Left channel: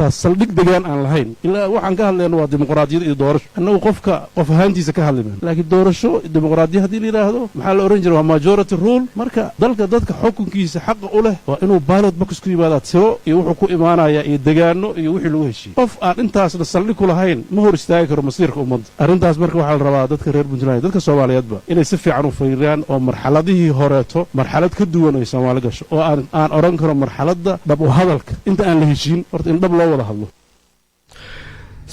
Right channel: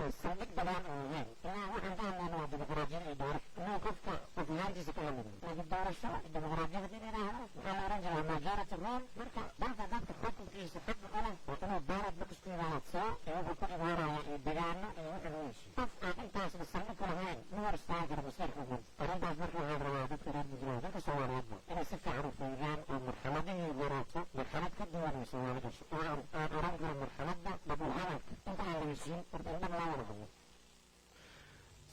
xataa saldhig degaan aan lahayn ilaa waxaan ka hadlayno waa dimuqraadiyad iyo doorasho annagu qof ahaantiisa ka hadli mayno laakiin doorasho dimuqraadiyad haddii la yidhaahdo maxaa la ohan jiray waa majority rule marka dadka xukunkiisa xaqa u leh waa inuu ballot box ku yimaadaa tiro iyo wuxuu ku imaanayaa iyo degaano iyo wixii lagu heshiiyey qof aan intaasna saldhig ku lahayn ma hor istaagi karo masiirka ummadda arrintaas marka waxaa la rabaa dadka reer puntland dadka soomaaliyeedba inay si fiican u fiiriyaan oo marxaladihii horeeto marxalad ka duwan ay soomaali gasho oo aan odhan karo marxaladda dhab u hadalka inta aan la heshiin horta in dhab loo wada hadlo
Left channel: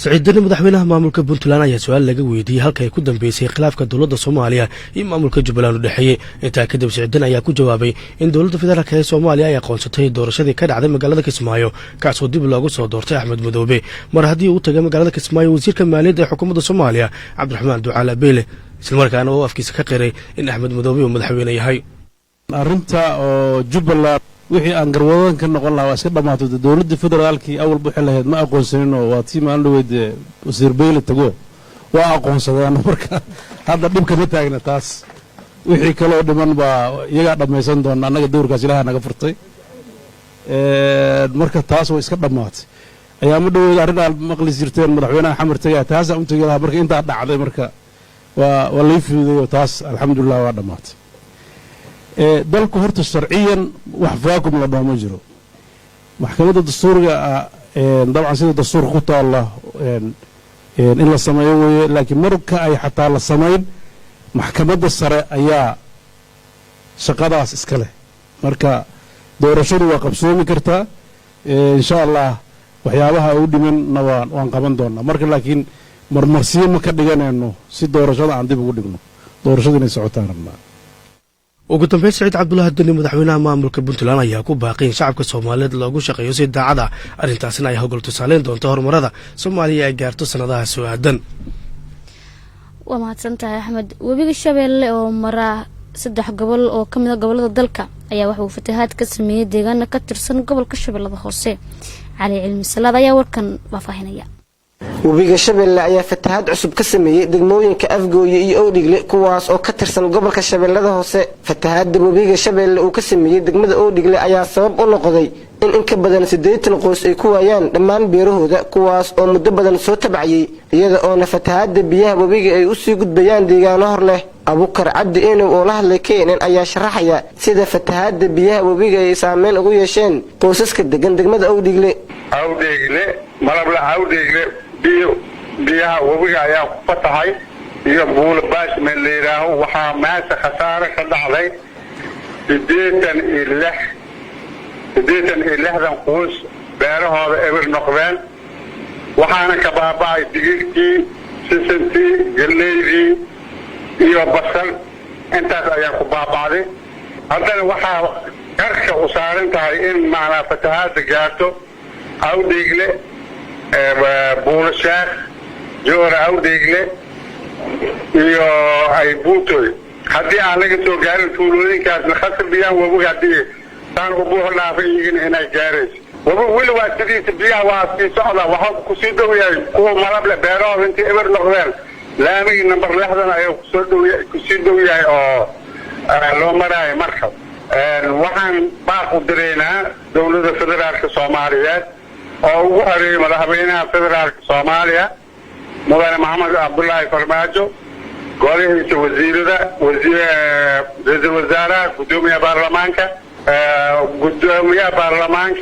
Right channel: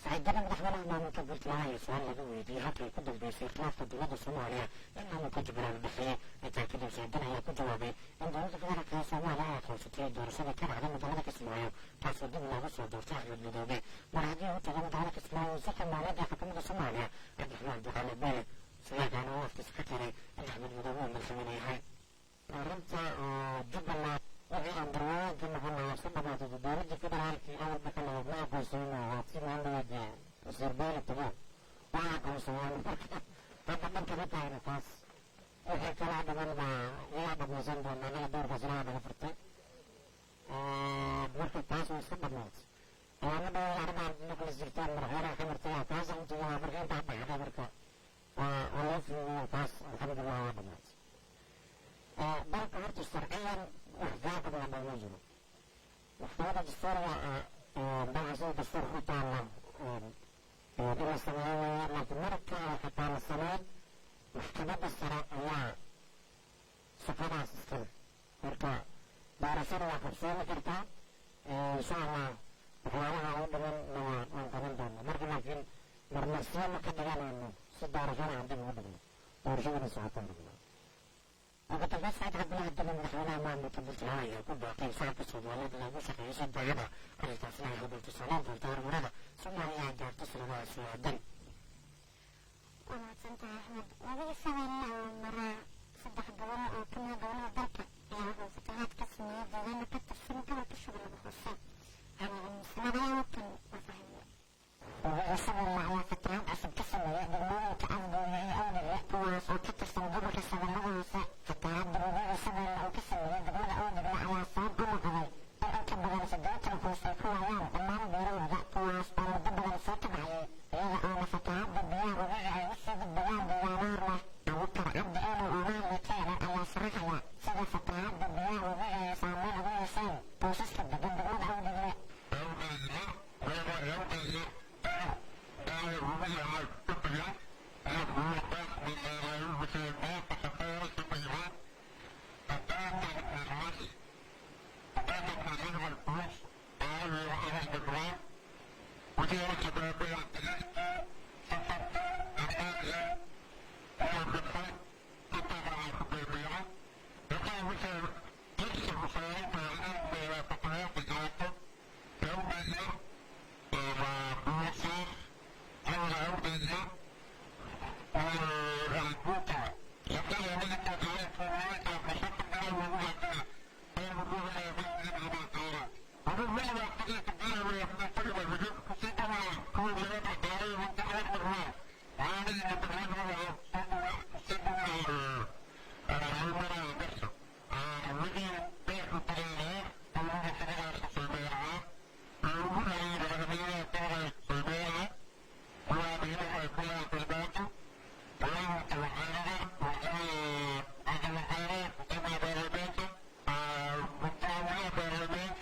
سعيد دني مدحوينها مامولka Puntland ayaa su'aal laga weydiiyay halka ay ku dambeysay khilaafka dawladda Soomaaliya iyo maamulka Jubbaland u dhaxeeyay inta kadib Sacid Dan ayaa ku jawaabay in dawladda federaalka ee Soomaaliya ay aqoonsatay doorashadii ka dhacday magaalada Kismaayo kaasoo dib loogu soo doortay Axmed Madoobe mar haddii uu tagay magaalada Kismaayo wasiirka maaliyadda ee xukuumadda Soomaaliya Cabdiraxmaan Ducaale Beele isla markaana uu afkiisa ka qiray in Axmed Madoobe uu madaxweyne yahay arrinta oo Jubbaland wixii aan garwadan ka noqon lahaa iska dhamaatay dawladda federaalkii awal buu xilaaheed ma aqoonsanin oo waa tii maan dhaweyd wasiir Beele tago waa aqoonsadeen marka hadda dhibka ma taagna taas wixii kale oo dhiman baa iyaga dhamaysan doona anaga dowrkaas Ilaahay naga furtay marka taas way iska dhamaatay ayaa ma dhaweyd arrin aan maqli jirteen madaxweynaha xamar tagay taas aan u tagay marka inta dhacday marka waa la fiiday taas alxamdulillah waa dhamaatay dalku horta sharciyan wax faakum la dhamo jiro maxkamadda dastuuriga dabcan sida dastuurka ku taala in la sameeyo weeye laakiin marka ay xataa la sameyn maxkamadda sare ayaa shaqadaas iska leh marka doorashadu waa qabsoomi kartaa insha Allah waxyaabaha u dhimanna waan qaban doonaa marka laakiin marmarsiyo ma ka dhiganayno si doorashada aan dib ugu dhigno doorashadu inay socotaan rabnaa ugu dambeyn Sacid Cabdullaahi Dani madaxweynaha maamulka Puntland ayaa ku baaqay in shacabka Soomaaliyeed loogu shaqeeyo si daacad ah arrintaasina ay hogol tusaaleyn doonto horumarada Soomaaliya ay gaarto sanadaha soo aadan waa mahadsantahay Axmed webiga Shabeelle oo mara 3 gobol oo kamid ah gobolada dalka ayaa wax uu fatahaad ka sameeyay deegaanka ka tirsan gobolka Shabeellada Hoose Cali Cilmi Salaad ayaa warkan faafahinaya webiga Shabeelle ayaa fatahaad cusub ka sameeyay degmooyinka Afgooye iyo Oodhigle kuwaas oo ka tirsan gobolka Shabeellada Hoose fatahaadda webiga Shabeelle uu ka sameeyay degmada Oodhigle ayaa sabab u noqday in ka badan 80 qoys ay ku waayaan dhammaan beerahooda kuwaas oo muddo badan soo tabcayay iyada oo fatahaadda biyaha webiga ay u sii gudbayaan deegaano hor leh Abukar Cabdi Enow oo la hadlay Keenan ayaa sharaxaya sida fatahaadda biyaha webiga ay saameyn ugu yeesheen qoysaska degan degmada Oodhigle malabla Oodhigle biyaha webiga ayaa ku fatahay iyo buul baash meel leeyahay waxa maanta khasaare ka dhacday 86 qoys beerahooda eber noqdeen waxaana ka baaba'ay digirtii sisintii galeydii iyo basal intaas ayaa ku baaba'day haddana waxaa qarka u saaran tahay in macna fatahaadda gaarto Oodhigle buulashaaq joora Oodhigle iyo ay buutoy haddii aan laga soo gaarin tuulooyinkaasna khasab biyaha webiga haddii taan ugu horlaafay inay gaarayso webiga weli waa sidiisa biyaha waa sii socda waxa ku sii dhow yahay kuwa malable beerahooda intii eber noqdeen laamigii number 6 ayuu ku sii dhow yahay oo loo maraayo marka waxaan baaq u direynaa dawladda federaalka Soomaaliyeed oo ugu horeeyay madaxweynaha federaalka Soomaaliya mudane Maxamed Cabdullaahi Farmaajo golahiisa wasiirada ra'iisul wasaaraha gudoomiyaha baarlamaanka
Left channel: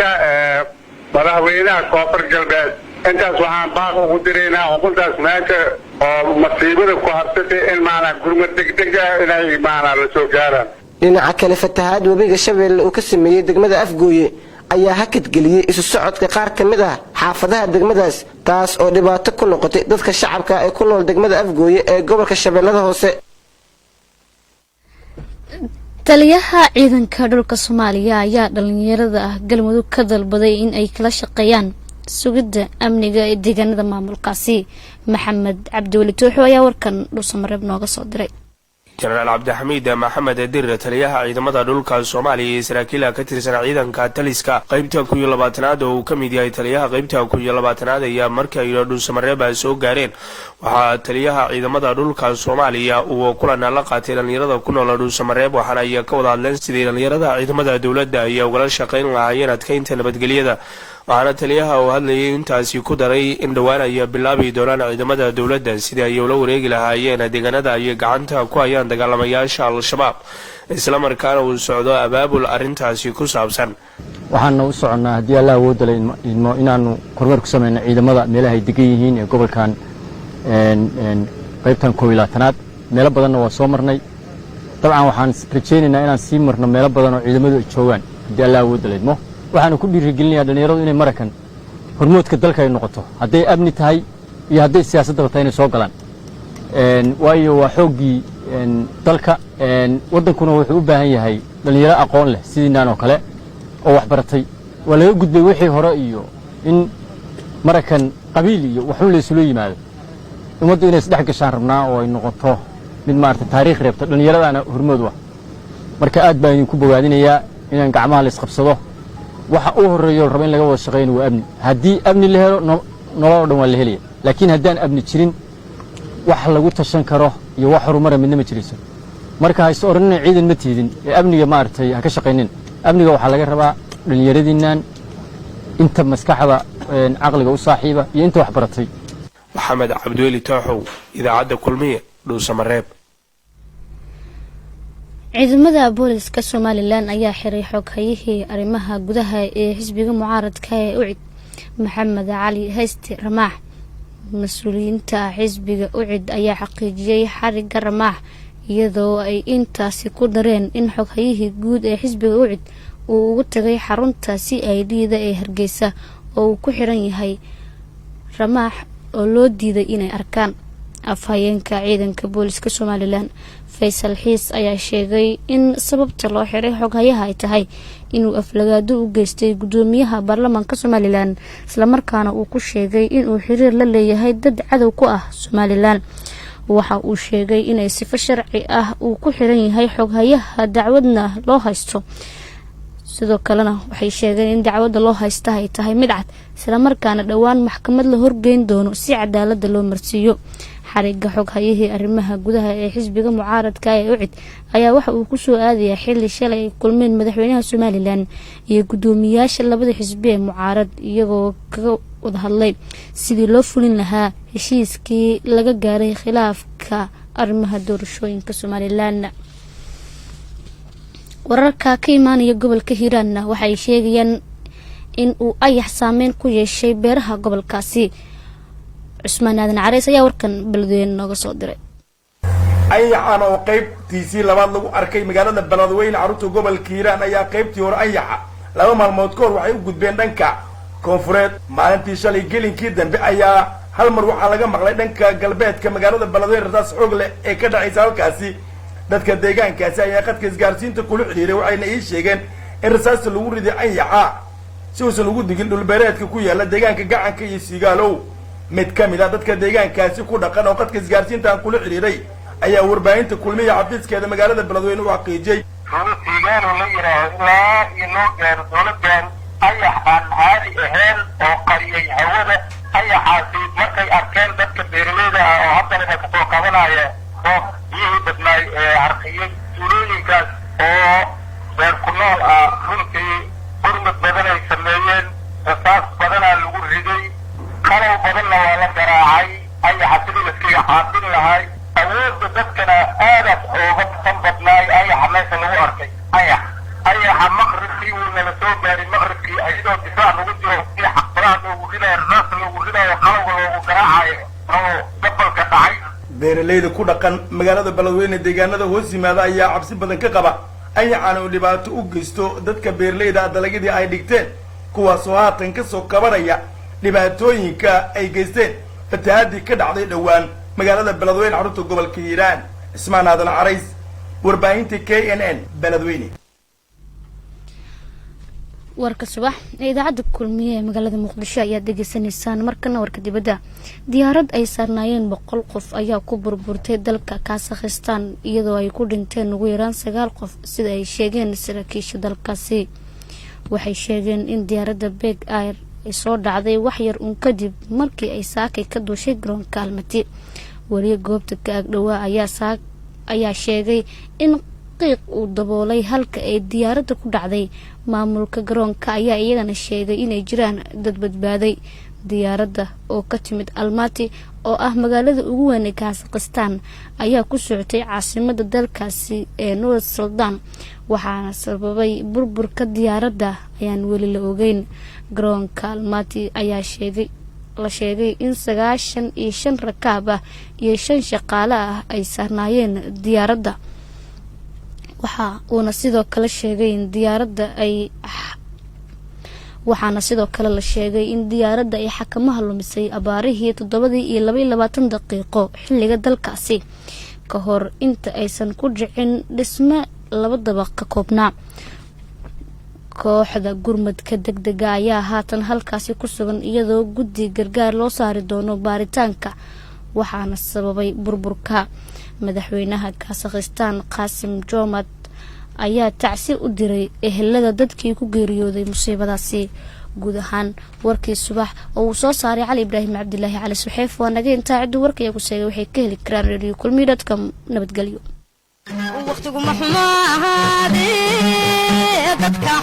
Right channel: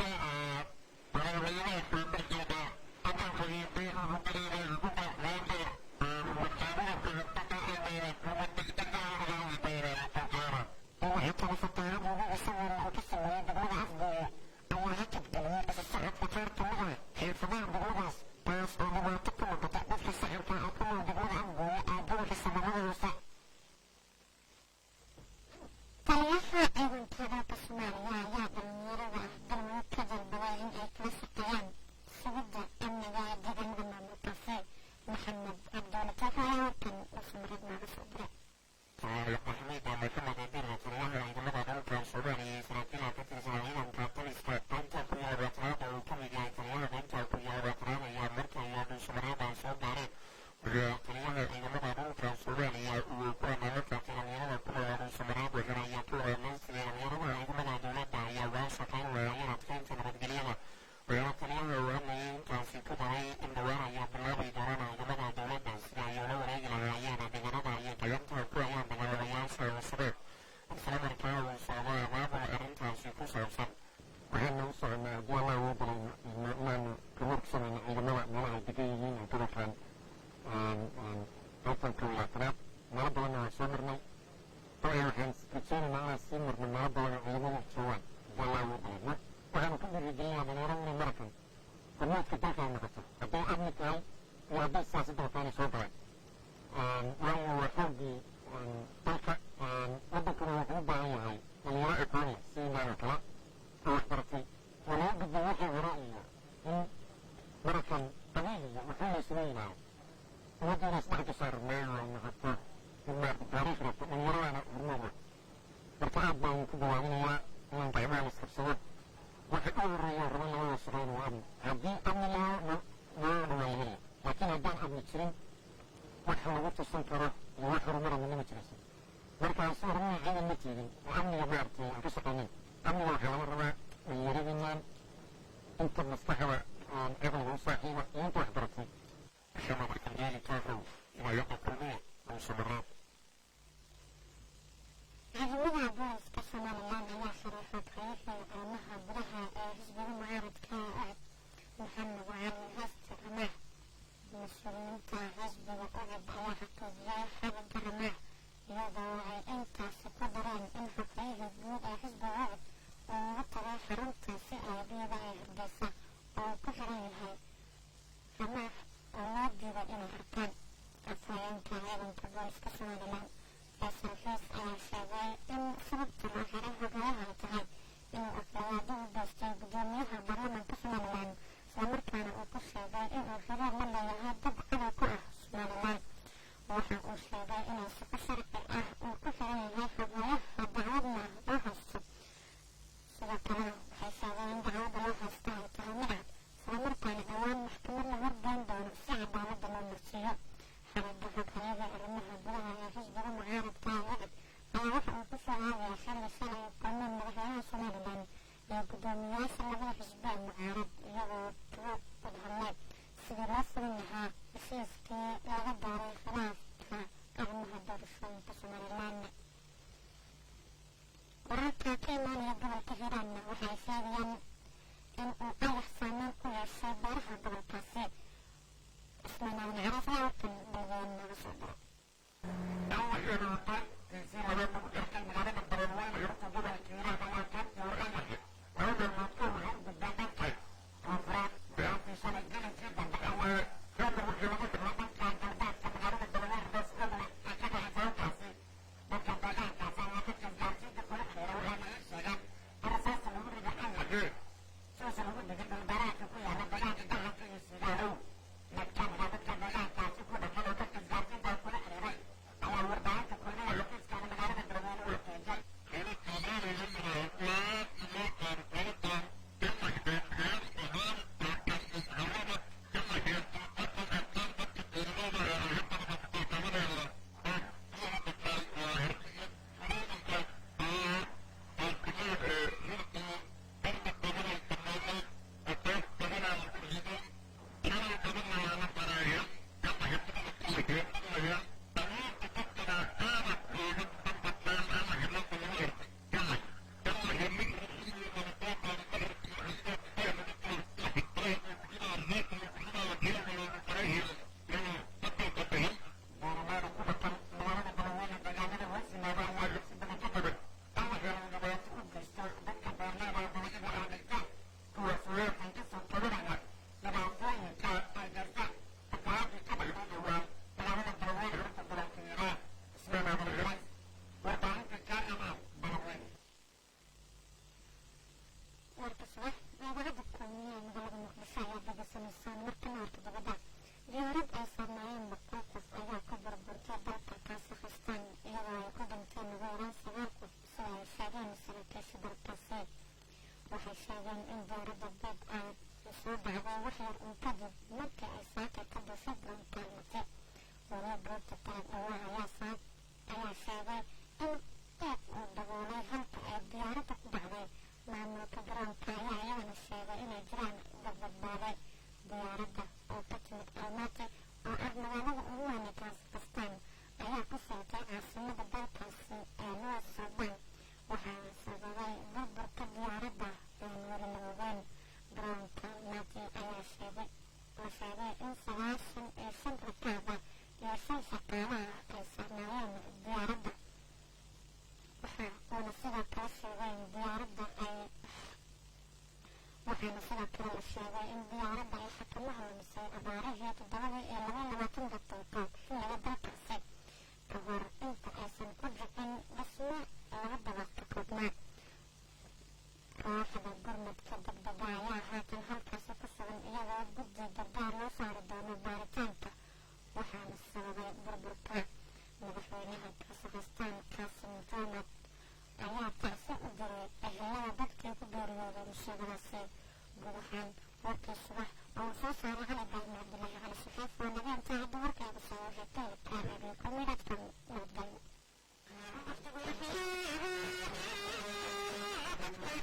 madaxweynaha koonfur galbeed intaas waxaan baaq ugu direynaa xukuntaas meesha oo masiibada ku habsatay in maana gurmad degdeg ah inay maana la soo gaaraan dhinaca kale fatahaad webiga Shabeelle uu ka sameeyay degmada Afgooye ayaa hakad geliyay isu socodka qaar kamid ah xaafadaha degmadaas taas oo dhibaato ku noqotay dadka shacabka ee ku nool degmada Afgooye ee gobolka Shabeellada Hoose taliyaha ciidanka dhulka Soomaaliya ayaa dhalinyarada galmudug ka dalbaday in ay kala shaqeeyaan sugidda amniga ee deegaanada maamulkaasi Maxamed Cabdi Tooxo ayaa warkan dhuusamareeb nooga soo diray General Cabdixamiid Maxamed Dir taliyaha ciidamada dhulka Soomaaliya ee saraakiil ka tirsan ciidanka taliska qaybta 12aad oo uu ka mid yahay taliyaha qaybta 12aad ayaa markii ay dhuusamareeb soo gaareen waxa taliyaha ciidamada dhulka Soomaaliya uu kulan la qaatay dhalinyarada ku nool dhuusamareeb waxaana ay ka wada hadleen sidii dhalinyarada ciidamada dawladda ay uga shaqeyn lahaayeen adkeynta nabadgelyada waxaana taliyaha uu hadlayay intaasi ku daray in dhowaan ay bilaabi doonaan ciidamada dowladda sidii ay ula wareegi lahaayeen deegaanada ay gacanta ku hayaan dagaalamayaasha al-shabaab islamarkaana uu socdo abaabul arrintaasi ku saabsan. waxaana u soconnaa haddii alla awoodda leh inaanu kormeer ku samayno ciidamada meelaha ay degan yihiin ee gobolkan qaybtan 12aad meelo badanna waa soo marnay. dabcan waxaan rajaynaynaa inaan sii marno meelo badan oo ciidamadu ay joogaan haddii alla awoodda leh waxaanu ku dhiirigelinayaa dhalinyaradu inay marakan hormoodka dalka ay noqoto hadday amni tahay iyo hadday siyaasaddaba tahay inay soo galaan waayo waa xooggii dalka waddankuna wuxuu u baahan yahay dhalinyaro aqoon leh sidiinaan oo kale oo waxbaratay waa laga gudbay wixii hore iyo in marakan qabiil iyo waxun la isula yimaado ummaddu inay isdhex gashaan rabnaa oo ay noqoto mid maarata taariikh reebta dhallinyaradaana hormood ah marka aad baan idinku bogaadinayaa inaan gacmaha la isqabsado waxa uu horeeyo rabo in laga wada shaqeeyno waa amni haddii amni la helo nolol oo dhan waa la helaya laakiin haddaan amni jirin wax lagu tashan karo iyo wax horumara midna ma jirayso marka hayse oranina ciidan ma tiidin ee amniga maaragtay ha ka shaqaynin amniga waxaa laga rabaa dhallinyaradiinnan inta maskaxda caqliga u saaxiiba iyo inta wax baratay. maxamed cabdiweli tooxow idaacadda kulmiye dhuusamareeb. ciidamada booliska somalilan ayaa xiray xoghayihii arrimaha gudaha ee xisbiga mucaaradka ee ucid maxamed cali hayste ramaax. mas-uuliyiinta xisbiga ucid ayaa xaqiijiyey xariga ramaax iyadoo ay intaasi ku dareen in xoghayihii guud ee xisbiga ucid uu ugu tagay xarunta CID-da ee Hargeysa oo uu ku xiran yahay ramaax oo loo diiday inay arkaan. afhayeenka ciidanka booliska somalilan faysal xiis ayaa sheegay in sababta loo xiray xoghayaha ay tahay inuu aflagaado u geystay gudoomiyaha baarlamaanka somalilan islamarkaana uu ku sheegay inuu xiriir la leeyahay dad cadow ku ah somalilan. waxa uu sheegay inay sifo sharci ah uu ku xiran yahay xoghayaha dacwadna loo haysto sidoo kalena waxay sheegeen in dacwadda loo haysta ay tahay mid cad islamarkaana dhowaan maxkamad la horgeyn doono si cadaalada loo marsiiyo. xariga xoghayihii arrimaha gudaha ee xisbiga mucaaradka ee ucid ayaa waxa uu ku soo aadayaa xilli shalay ay kulmeen madaxweynaha somalilan iyo gudoomiyaasha labada xisbi ee mucaarad iyagoo kaga wada hadlay sidii loo fulin lahaa heshiiskii laga gaaray khilaafka arrimaha doorashooyinka somalilan. wararka ka imaanaya gobolka hiiraanna waxay sheegayaan in uu ayax saameyn ku yeeshay beeraha gobolkaasi. cusmaan aadan careys ayaa warkan beledweyne nooga soo diray. ayaxan oo qaybtiisii labaad lagu arkay magaalada beledweyne carruurta gobolka hiiraan ayaa qaybtii hore ayaxa 2 maalmood ka hor waxay u gudbeen dhanka koonfureed. maalintii shalay gelinkii dambe ayaa hal mar waxaa laga maqlay dhanka galbeedka magaalada beledweyne rasaas xoog leh ee ka dhacaysa halkaasi. dadka deegaankaasi ayaa qadka isgaarsiinta kula xiriiray waxayna ii sheegeen in rasaasta lagu riday ayaxa si uusan ugu digin dhulbeereedka ku yaala deegaanka gacanka iyo sigaalow. mid ka mid ah dadka deegaankaasi ku dhaqan oo qadka isgaarsiintaan kula xiriiray ayaa warbaahinta kulmiya xafiiskeeda magaalada beledweyne u xaqiijiyey sigaalo la yidhaaho ilaa iyo loo gaaro dowladan ayax aan caadi ahayn oo qariyay hawada. ayaxaasi markay arkeen dadka beeraleyda ah oo haddana ay kasoo qabanaya oo biyihii badnaay ee harqiyey tuulooyinkaas oo beer ku nool ah runtii hormad badan ay sameeyeen rasaas badanaa lagu riday qalow badanna waa la garaacay. ayaxa sidii laskiga xaafin lahay awoodda dadkana aadaas ooga san badnaay ayaxa meesha lagu arkay. ayaxa maqribkii wuu nala soo gaaray maqribkii ayadoo difaac lagu jiro si xaqbaraha loogu ridayo rasaas loogu ridayo qalowga loogu garaacayo oo gobolka dhacay. beeraleyda ku dhaqan magaalada beledweyne deegaanada hoos yimaada ayaa cabsi badan ka qaba ayaxan uu dhibaato u geysto dadka beeraleyda dalagyadii ay dhigteen kuwaasoo haatan ka soo kabanaya dhibaatooyinka ay geysteen fatahaadii ka dhacday dhowaan magaalada beledweyne carruurta gobolka hiiraan. cismaan aadan carays warbaahinta KNN beledweyne. warka subax ee idaacadda kulmiye ee magaalada muqdisho ayaa degeysanaysaan. markana warka dibadda diyaarad ay saarnaayeen 100 qof ayaa ku burburtay dalka Kazakhstan iyadoo ay ku dhinteen ugu yaraan 9 qof sida ay sheegeen saraakiisha dalkaasi. waxay sheegeen in diyaaradda Beg Air ay soo dhacday wax yar uun kadib markii ay saakay ka duushay garoonka Almaty. wariye goobta ka ag dhawaa ayaa sheegay in qiiq uu daboolay halka ay diyaaradda ku dhacday maamulka garoonka ayaa iyagana sheegay inay jiraan dad badbaaday. diyaaradda oo ka timid Almaty oo ah magaalada ugu weyn ee Kazakhstan ayaa ku socotay caasimada dalkaasi ee Nur Sultan waxaana sababay burburka diyaaradda ayaan weli la ogeyn. garoonka Almaty ayaa la sheegay in 95 rakaab ah iyo 5 shaqaale ah ay saarnaayeen diyaaradda. waxa uuna sidoo kale sheegay in diyaaradda ay xakamaha lumisay abaarihii 7:22 daqiiqo xilliga dalkaasi ka hor inta aysan ku dhicin dhisme 2 dabaq ka koobnaa. kooxda gurmadka degdega ayaa haatan halkaasi ku sugan iyadoo guddi gargaar loo saari doono baaritaanka waxaana sababay burburka. madaxweynaha Kazakhstan Qasim Jomart ayaa tacsi u diray ehelada dadkii ku geeriyooday musiibadaasi. guud ahaan warkii subax oo uu soo saaray Cali Ibraahim Cabdilaahi Cali Suxeef waa naga intaa ciddu warkaya ku sheegay waxay ka heli karaan radio kulmi.com. nabadgelyo. waqtigu ma xumaade dadka